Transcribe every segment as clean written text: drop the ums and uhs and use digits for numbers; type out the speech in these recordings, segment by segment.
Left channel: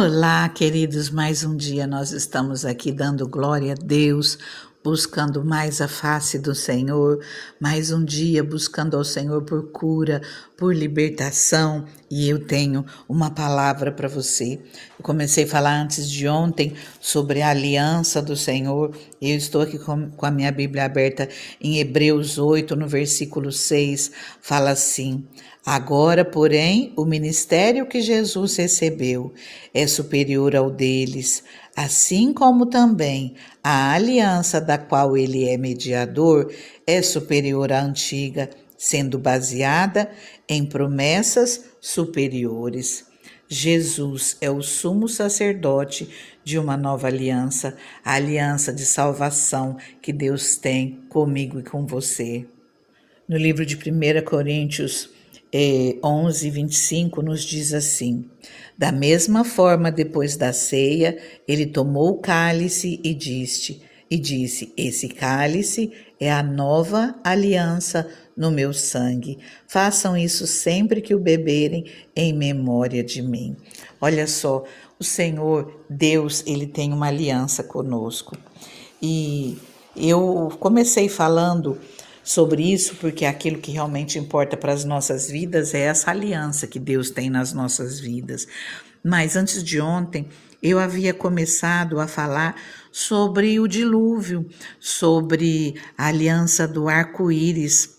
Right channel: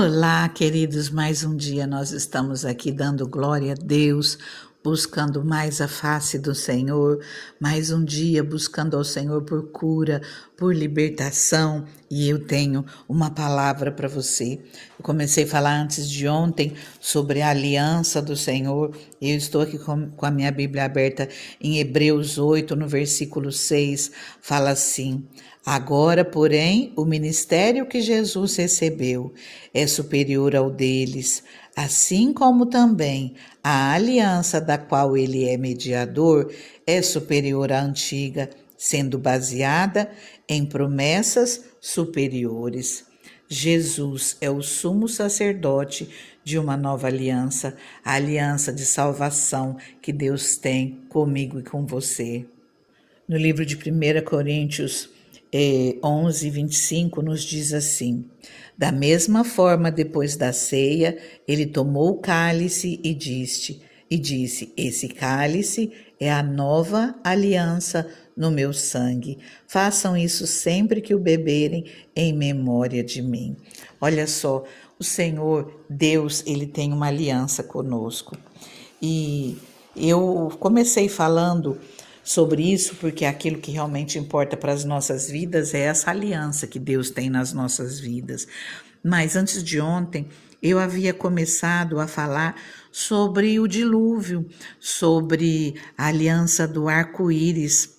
Olá, queridos, mais um dia nós estamos aqui dando glória a Deus, buscando mais a face do Senhor, mais um dia buscando ao Senhor por cura, por libertação, e eu tenho uma palavra para você. Eu comecei a falar antes de ontem sobre a aliança do Senhor, e eu estou aqui com a minha Bíblia aberta em Hebreus 8, no versículo 6, fala assim: agora, porém, o ministério que Jesus recebeu é superior ao deles, assim como também a aliança da qual ele é mediador é superior à antiga, sendo baseada em promessas superiores. Jesus é o sumo sacerdote de uma nova aliança, a aliança de salvação que Deus tem comigo e com você. No livro de 1 Coríntios 11, 25, nos diz assim: da mesma forma, depois da ceia, ele tomou o cálice e disse: esse cálice é a nova aliança no meu sangue. Façam isso sempre que o beberem em memória de mim. Olha só, o Senhor, Deus, ele tem uma aliança conosco. E eu comecei falando sobre isso porque aquilo que realmente importa para as nossas vidas é essa aliança que Deus tem nas nossas vidas. Mas antes de ontem, eu havia começado a falar sobre o dilúvio, sobre a aliança do arco-íris.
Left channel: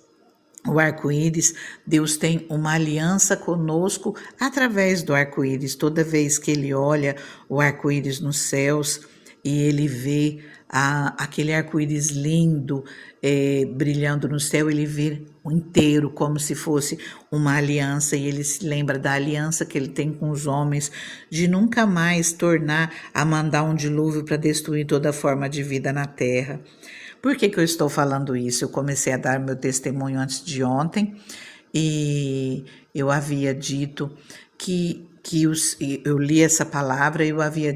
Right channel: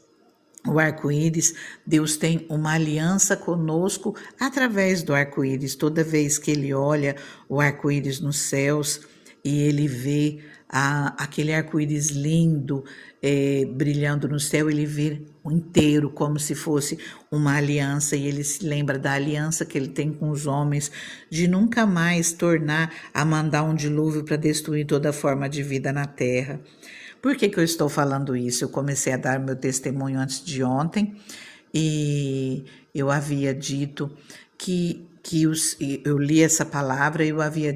O arco-íris, Deus tem uma aliança conosco através do arco-íris. Toda vez que ele olha o arco-íris nos céus e ele vê aquele arco-íris lindo, brilhando no céu, ele vê inteiro como se fosse uma aliança, e ele se lembra da aliança que ele tem com os homens, de nunca mais tornar a mandar um dilúvio para destruir toda forma de vida na terra. Por que eu estou falando isso? Eu comecei a dar meu testemunho antes de ontem, e eu havia dito eu li essa palavra, eu havia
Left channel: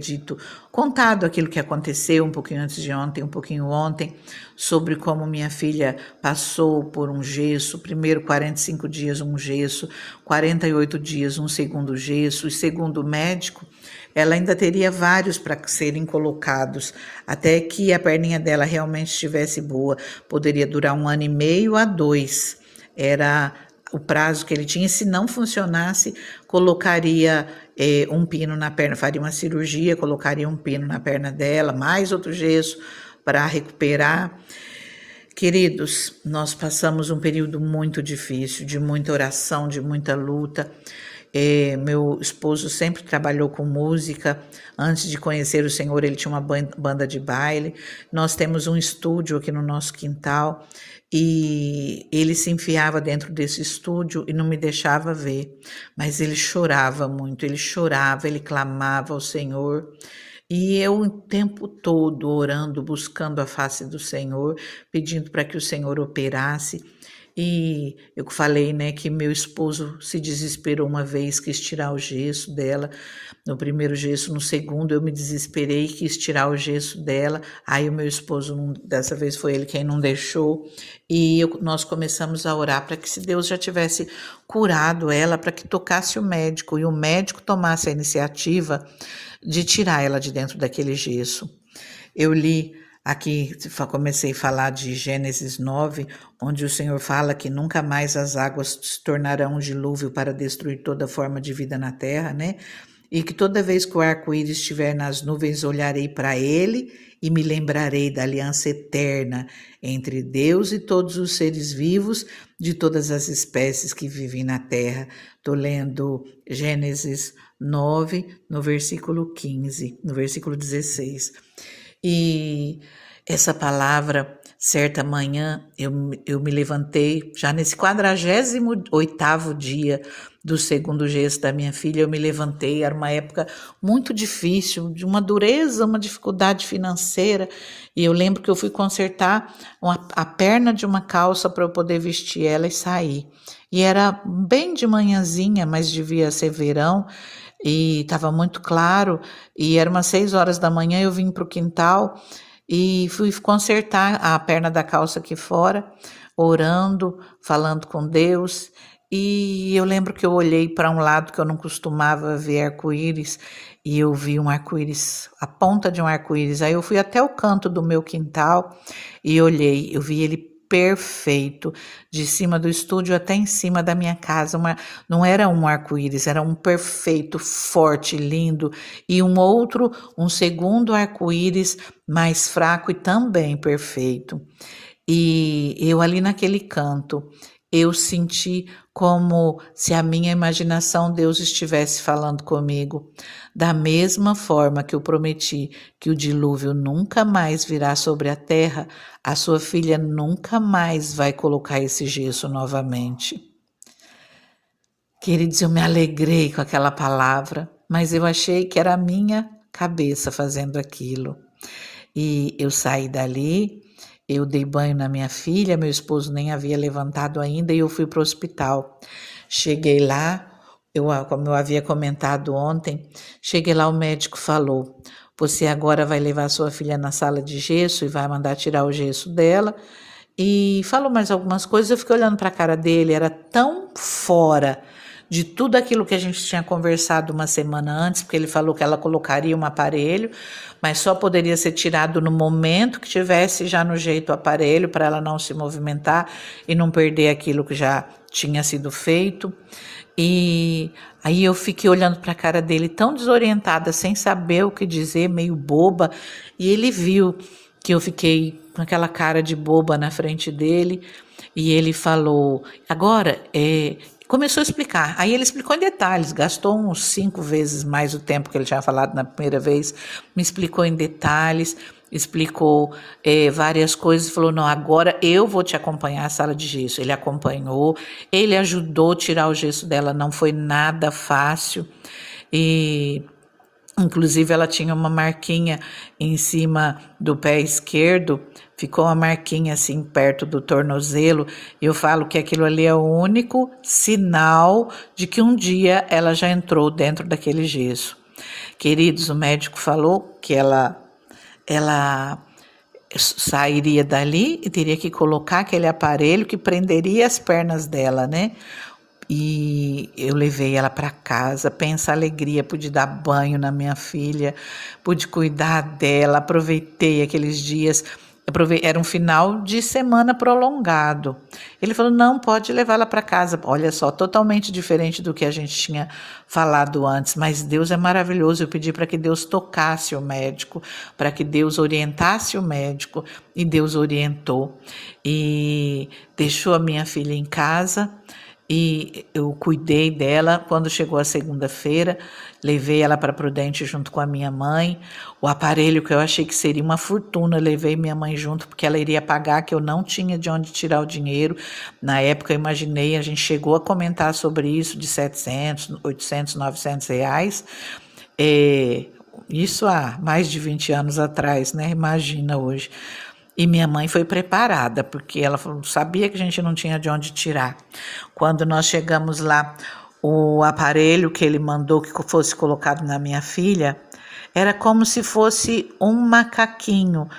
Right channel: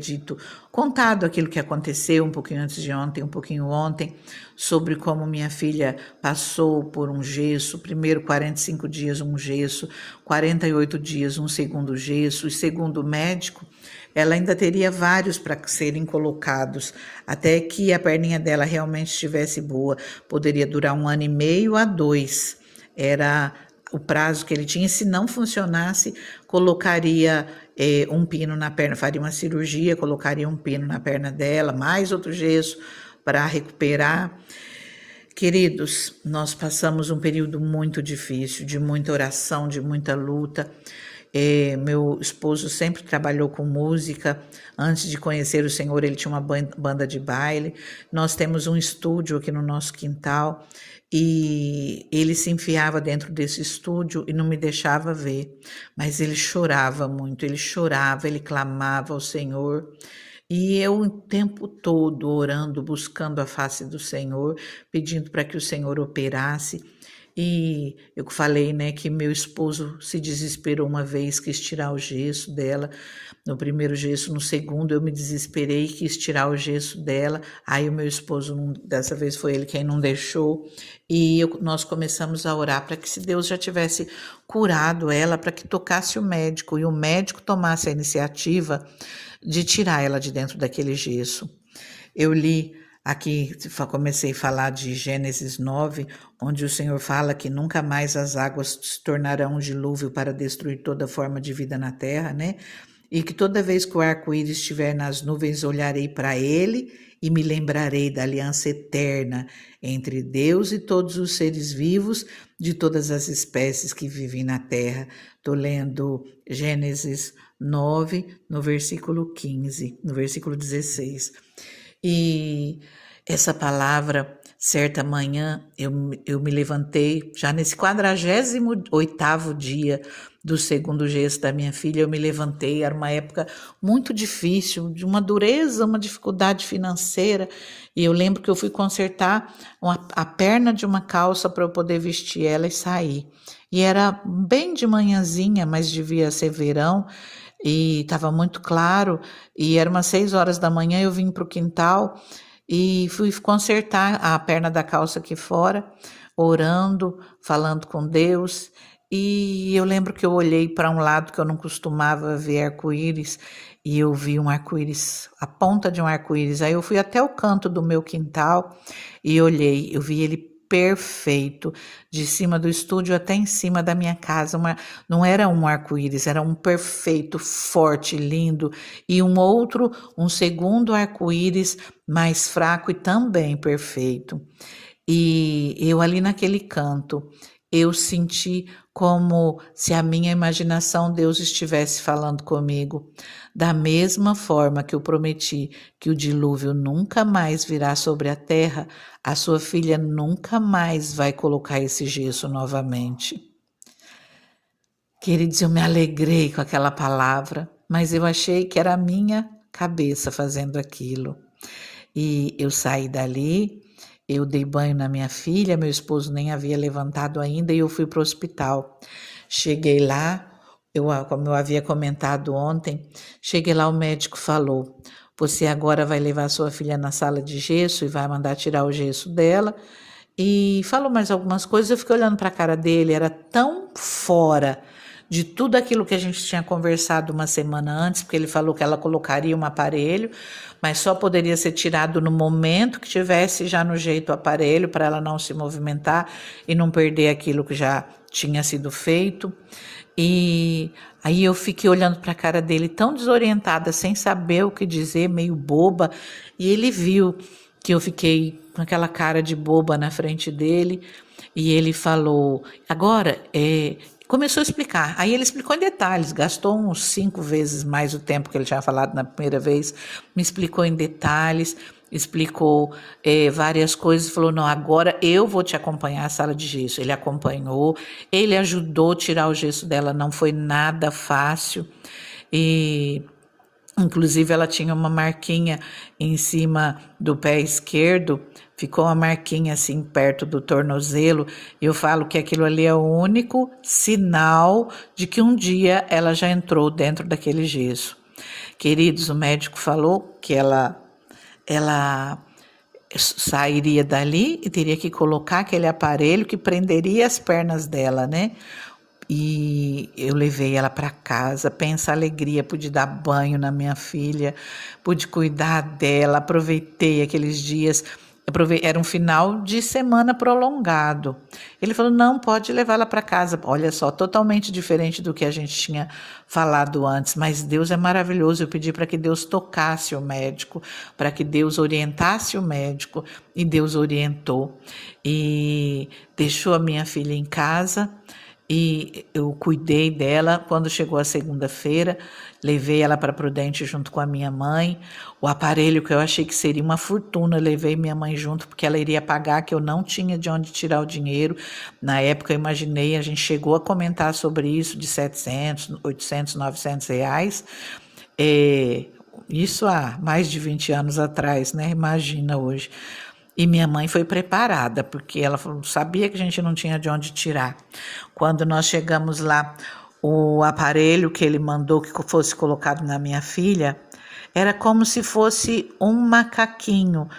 contado aquilo que aconteceu um pouquinho antes de ontem, um pouquinho ontem, sobre como minha filha passou por um gesso, primeiro 45 dias um gesso, 48 dias um segundo gesso, e segundo o médico, ela ainda teria vários para serem colocados, até que a perninha dela realmente estivesse boa. Poderia durar 1 ano e meio a 2, era o prazo que ele tinha. Se não funcionasse, colocaria um pino na perna, faria uma cirurgia, colocaria um pino na perna dela, mais outro gesso para recuperar. Queridos, nós passamos um período muito difícil, de muita oração, de muita luta. Meu esposo sempre trabalhou com música. Antes de conhecer o Senhor, ele tinha uma banda de baile. Nós temos um estúdio aqui no nosso quintal, e ele se enfiava dentro desse estúdio e não me deixava ver, mas ele chorava muito, ele clamava ao Senhor, e eu o tempo todo orando, buscando a face do Senhor, pedindo para que o Senhor operasse. E eu falei, né, que meu esposo se desesperou uma vez, quis tirar o gesso dela, no primeiro gesso. No segundo eu me desesperei, quis tirar o gesso dela, aí o meu esposo, dessa vez foi ele quem não deixou, e nós começamos a orar para que, se Deus já tivesse curado ela, para que tocasse o médico, e o médico tomasse a iniciativa de tirar ela de dentro daquele gesso. Eu li aqui, comecei a falar de Gênesis 9, onde o Senhor fala que nunca mais as águas se tornarão um dilúvio para destruir toda forma de vida na terra, né? E que toda vez que o arco-íris estiver nas nuvens, olharei para ele e me lembrarei da aliança eterna entre Deus e todos os seres vivos de todas as espécies que vivem na terra. Estou lendo Gênesis 9, no versículo 15, no versículo 16. E essa palavra, certa manhã, eu me levantei, já nesse 48º dia do segundo gesso da minha filha, eu me levantei. Era uma época muito difícil, de uma dureza, uma dificuldade financeira, e eu lembro que eu fui consertar a perna de uma calça para eu poder vestir ela e sair. E era bem de manhãzinha, mas devia ser verão, e estava muito claro, e era umas 6 horas da manhã. Eu vim para o quintal e fui consertar a perna da calça aqui fora, orando, falando com Deus, E eu lembro que eu olhei para um lado que eu não costumava ver arco-íris e eu vi um arco-íris, a ponta de um arco-íris. Aí eu fui até o canto do meu quintal e olhei, eu vi ele perfeito, de cima do estúdio até em cima da minha casa. Não era um arco-íris, era um perfeito, forte, lindo, e um segundo arco-íris mais fraco e também perfeito. E eu ali naquele canto, eu senti como se a minha imaginação Deus estivesse falando comigo. Da mesma forma que eu prometi que o dilúvio nunca mais virá sobre a terra, a sua filha nunca mais vai colocar esse gesso novamente. Queridos, eu me alegrei com aquela palavra, mas eu achei que era a minha cabeça fazendo aquilo. E eu saí dali, eu dei banho na minha filha, meu esposo nem havia levantado ainda e eu fui para o hospital. Cheguei lá, como eu havia comentado ontem, cheguei lá, o médico falou: você agora vai levar sua filha na sala de gesso e vai mandar tirar o gesso dela. E falou mais algumas coisas, eu fiquei olhando para a cara dele, era tão fora de tudo aquilo que a gente tinha conversado uma semana antes, porque ele falou que ela colocaria um aparelho, mas só poderia ser tirado no momento que tivesse já no jeito o aparelho, para ela não se movimentar e não perder aquilo que já tinha sido feito. E aí eu fiquei olhando para a cara dele tão desorientada, sem saber o que dizer, meio boba, e ele viu que eu fiquei com aquela cara de boba na frente dele, e ele falou, agora, começou a explicar. Aí ele explicou em detalhes, gastou uns 5 vezes mais o tempo que ele tinha falado na primeira vez, me explicou em detalhes, explicou várias coisas, falou, não, agora eu vou te acompanhar à sala de gesso. Ele acompanhou, ele ajudou a tirar o gesso dela, não foi nada fácil, e inclusive ela tinha uma marquinha em cima do pé esquerdo, ficou uma marquinha assim perto do tornozelo. Eu falo que aquilo ali é o único sinal de que um dia ela já entrou dentro daquele gesso. Queridos, o médico falou que ela sairia dali e teria que colocar aquele aparelho que prenderia as pernas dela, né? E eu levei ela para casa, pensa a alegria, pude dar banho na minha filha, pude cuidar dela, aproveitei aqueles dias, era um final de semana prolongado. Ele falou, não, pode levá-la para casa. Olha só, totalmente diferente do que a gente tinha falado antes, mas Deus é maravilhoso. Eu pedi para que Deus tocasse o médico, para que Deus orientasse o médico, e Deus orientou. E deixou a minha filha em casa, e eu cuidei dela. Quando chegou a segunda-feira, levei ela para Prudente junto com a minha mãe. O aparelho que eu achei que seria uma fortuna, eu levei minha mãe junto, porque ela iria pagar, que eu não tinha de onde tirar o dinheiro. Na época eu imaginei, a gente chegou a comentar sobre isso, de 700, 800, 900 reais. Isso há mais de 20 anos atrás, né? Imagina hoje. E minha mãe foi preparada, porque ela sabia que a gente não tinha de onde tirar. Quando nós chegamos lá, o aparelho que ele mandou que fosse colocado na minha filha era como se fosse um macaquinho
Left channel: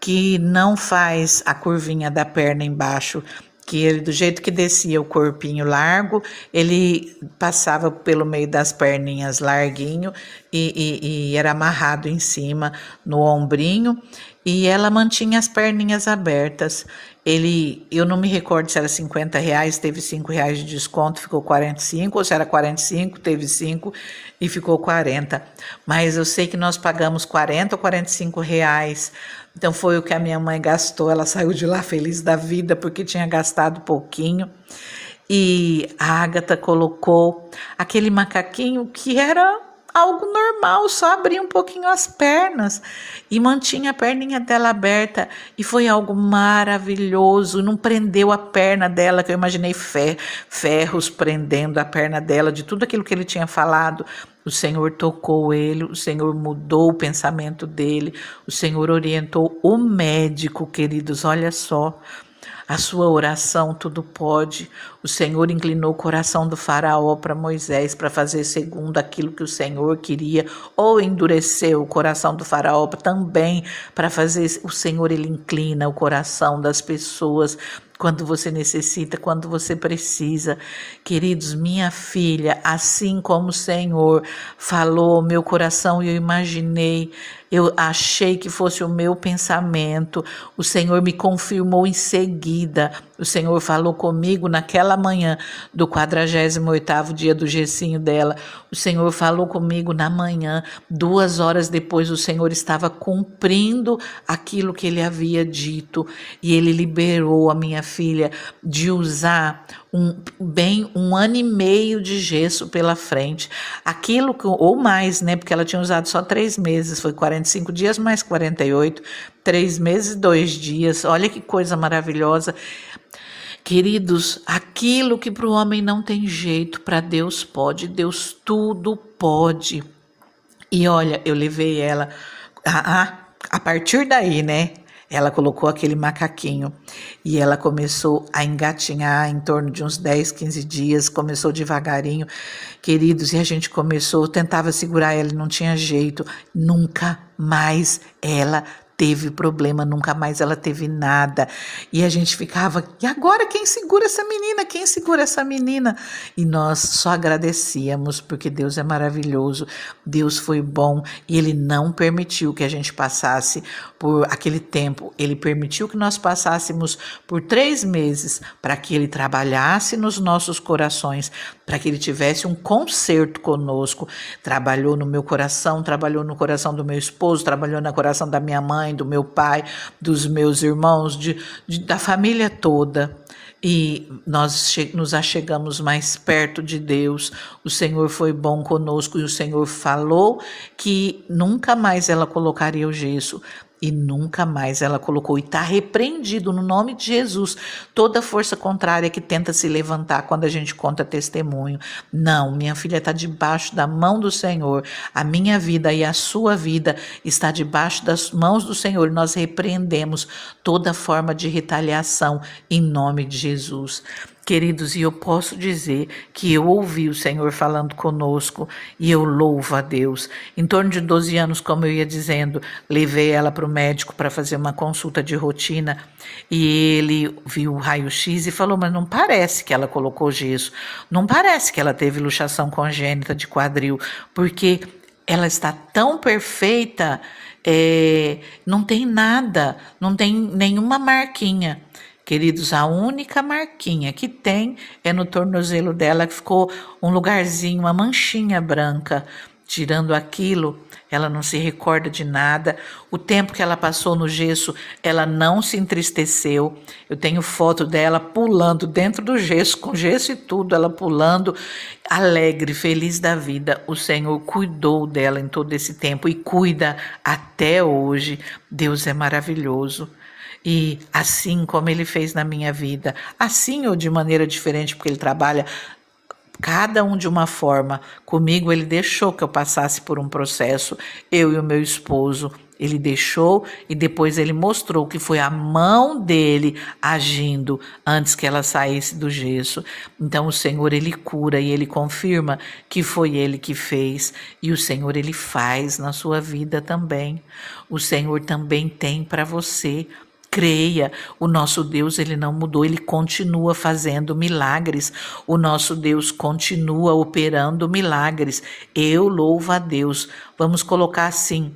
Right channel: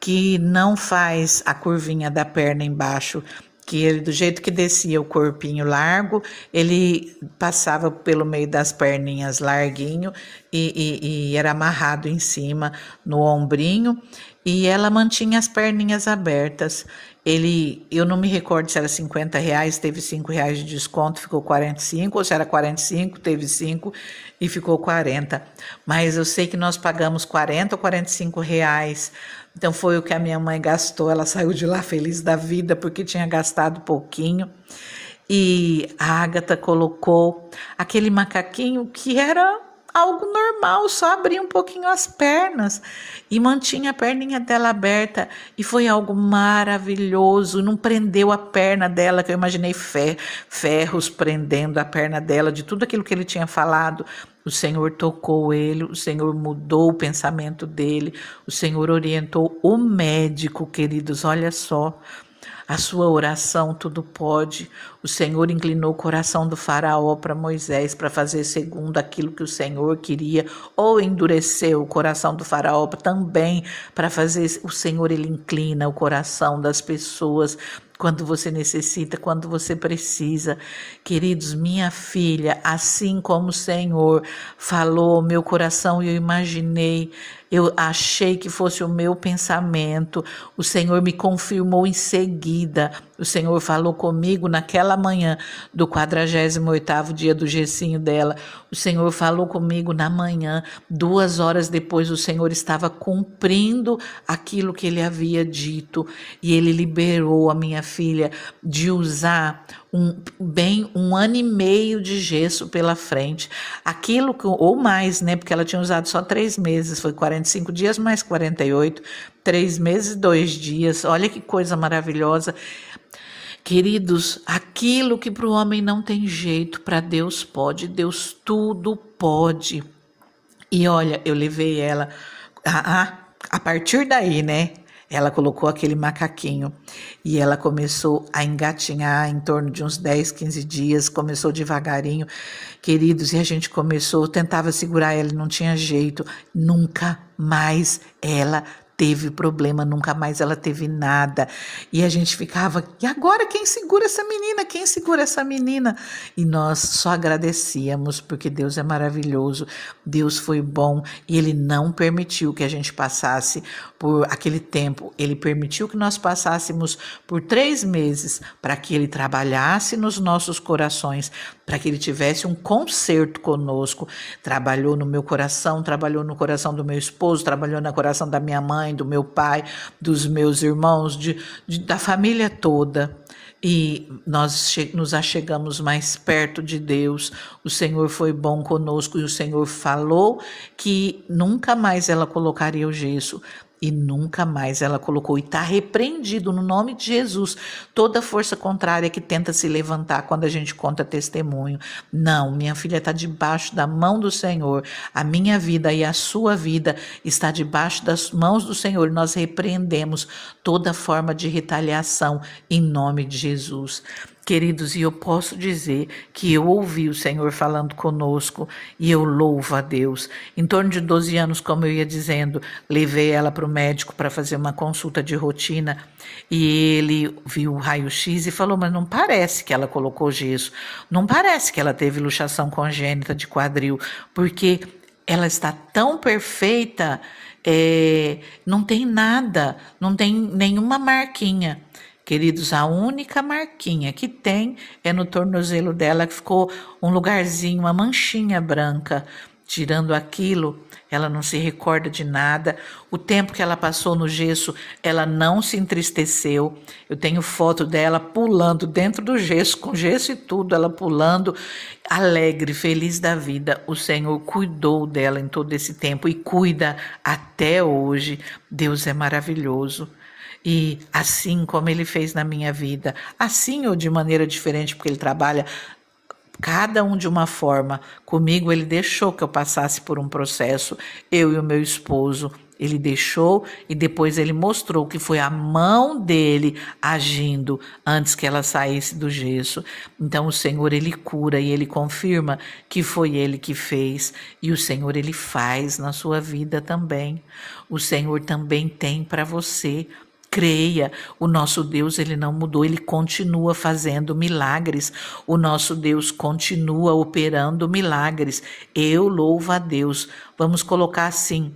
que não faz a curvinha da perna embaixo, que ele, do jeito que descia o corpinho largo, ele passava pelo meio das perninhas larguinho e era amarrado em cima no ombrinho, e ela mantinha as perninhas abertas. Eu não me recordo se era 50 reais, teve 5 reais de desconto, ficou 45, ou se era 45, teve 5 e ficou 40. Mas eu sei que nós pagamos 40 ou 45 reais. Então foi o que a minha mãe gastou. Ela saiu de lá feliz da vida porque tinha gastado pouquinho. E a Ágata colocou aquele macaquinho que era algo normal, só abria um pouquinho as pernas e mantinha a perninha dela aberta, e foi algo maravilhoso. Não prendeu a perna dela, que eu imaginei ferros prendendo a perna dela, de tudo aquilo que ele tinha falado. O Senhor tocou ele, o Senhor mudou o pensamento dele, o Senhor orientou o médico, queridos, olha só. A sua oração tudo pode. O Senhor inclinou o coração do faraó para Moisés, para fazer segundo aquilo que o Senhor queria, ou endureceu o coração do faraó também para fazer. O Senhor, ele inclina o coração das pessoas quando você necessita, quando você precisa. Queridos, minha filha, assim como o Senhor falou, meu coração, eu imaginei, eu achei que fosse o meu pensamento, o Senhor me confirmou em seguida, o Senhor falou comigo naquela manhã do 48º dia do gessinho dela, o Senhor falou comigo na manhã, 2 horas depois o Senhor estava cumprindo aquilo que Ele havia dito, e Ele liberou a minha filha de usar um ano e meio de gesso pela frente, aquilo que, ou mais, né, porque ela tinha usado só 3 meses, foi 45 dias mais 48, 3 meses, 2 dias, olha que coisa maravilhosa. Queridos, aquilo que para o homem não tem jeito, para Deus pode, Deus tudo pode. E olha, eu levei ela, a partir daí, né? Ela colocou aquele macaquinho e ela começou a engatinhar em torno de uns 10, 15 dias, começou devagarinho, queridos, e a gente começou, tentava segurar ela e não tinha jeito, nunca mais ela teve problema, nunca mais ela teve nada, e a gente ficava, e agora quem segura essa menina? Quem segura essa menina? E nós só agradecíamos, porque Deus é maravilhoso, Deus foi bom, e Ele não permitiu que a gente passasse por aquele tempo, Ele permitiu que nós passássemos por 3 meses, para que Ele trabalhasse nos nossos corações, para que Ele tivesse um conserto conosco, trabalhou no meu coração, trabalhou no coração do meu esposo, trabalhou no coração da minha mãe, do meu pai, dos meus irmãos, da família toda. E nós nos achegamos mais perto de Deus, o Senhor foi bom conosco e o Senhor falou que nunca mais ela colocaria o gesso. E nunca mais ela colocou, e está repreendido no nome de Jesus, toda força contrária que tenta se levantar quando a gente conta testemunho. Não, minha filha está debaixo da mão do Senhor, a minha vida e a sua vida está debaixo das mãos do Senhor, e nós repreendemos toda forma de retaliação em nome de Jesus. Queridos, e eu posso dizer que eu ouvi o Senhor falando conosco e eu louvo a Deus. Em torno de 12 anos, como eu ia dizendo, levei ela para o médico para fazer uma consulta de rotina e ele viu o raio-x e falou, mas não parece que ela colocou gesso, não parece que ela teve luxação congênita de quadril, porque ela está tão perfeita, não tem nada, não tem nenhuma marquinha. Queridos, a única marquinha que tem é no tornozelo dela, que ficou um lugarzinho, uma manchinha branca. Tirando aquilo, ela não se recorda de nada. O tempo que ela passou no gesso, ela não se entristeceu. Eu tenho foto dela pulando dentro do gesso, com gesso e tudo, ela pulando, alegre, feliz da vida. O Senhor cuidou dela em todo esse tempo e cuida até hoje. Deus é maravilhoso. E assim como Ele fez na minha vida, assim ou de maneira diferente, porque Ele trabalha cada um de uma forma, comigo Ele deixou que eu passasse por um processo, eu e o meu esposo, Ele deixou e depois Ele mostrou que foi a mão dele agindo antes que ela saísse do gesso. Então o Senhor, Ele cura e Ele confirma que foi Ele que fez, e o Senhor, Ele faz na sua vida também. O Senhor também tem para você. Creia, o nosso Deus, Ele não mudou, Ele continua fazendo milagres, o nosso Deus continua operando milagres. Eu louvo a Deus. Vamos colocar assim,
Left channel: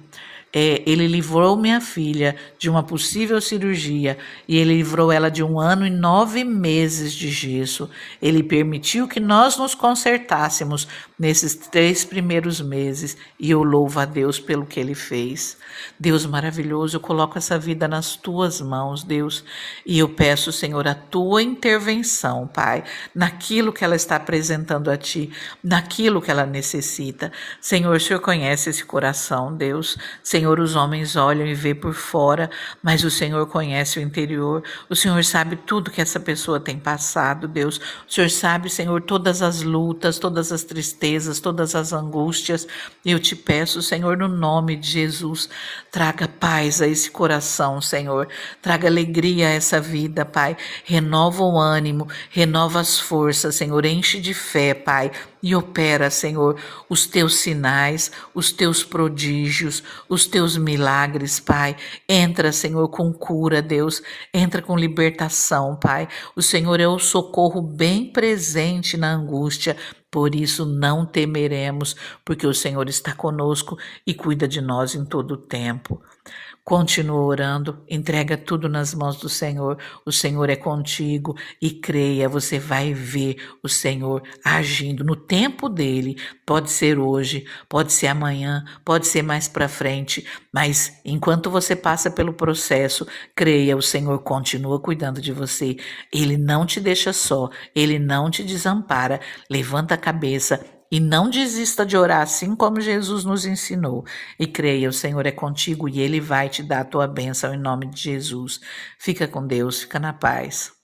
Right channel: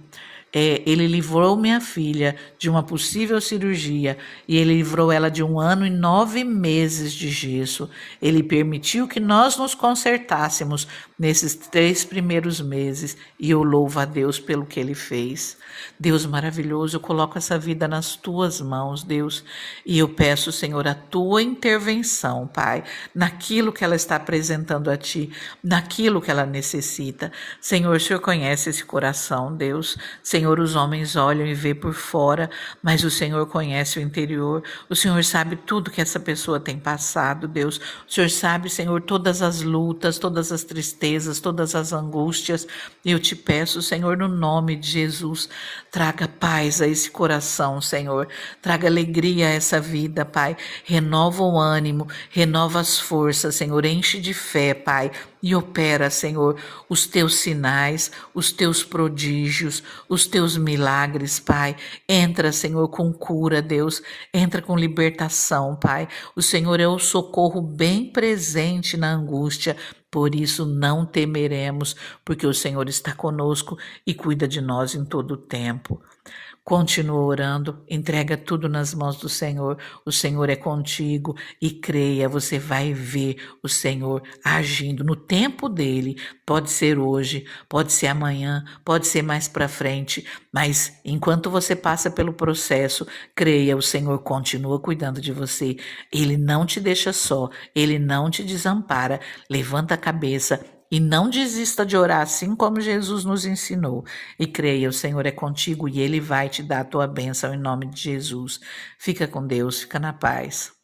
Ele livrou minha filha de uma possível cirurgia e Ele livrou ela de 1 ano e 9 meses de gesso. Ele permitiu que nós nos consertássemos nesses 3 primeiros meses e eu louvo a Deus pelo que Ele fez. Deus maravilhoso, eu coloco essa vida nas tuas mãos, Deus, e eu peço, Senhor, a tua intervenção, Pai, naquilo que ela está apresentando a ti, naquilo que ela necessita. Senhor, o Senhor conhece esse coração, Deus. Senhor, os homens olham e vê por fora, mas o Senhor conhece o interior. O Senhor sabe tudo que essa pessoa tem passado, Deus. O Senhor sabe, Senhor, todas as lutas, todas as tristezas, todas as angústias. Eu te peço, Senhor, no nome de Jesus, traga paz a esse coração, Senhor. Traga alegria a essa vida, Pai. Renova o ânimo, renova as forças, Senhor. Enche de fé, Pai. e opera, Senhor, os teus sinais, os teus prodígios, os teus milagres, Pai. Entra, Senhor, com cura, Deus. Entra com libertação, Pai. O Senhor é o socorro bem presente na angústia. Por isso não temeremos, porque o Senhor está conosco e cuida de nós em todo o tempo. Continua orando, entrega tudo nas mãos do Senhor. O Senhor é contigo e creia, você vai ver o Senhor agindo no tempo dele. Pode ser hoje, pode ser amanhã, pode ser mais para frente, mas enquanto você passa pelo processo, creia, o Senhor continua cuidando de você. Ele não te deixa só, ele não te desampara. Levanta a cabeça e não desista de orar assim como Jesus nos ensinou. E creia, o Senhor é contigo e Ele vai te dar a tua bênção em nome de Jesus. Fica com Deus, fica na paz.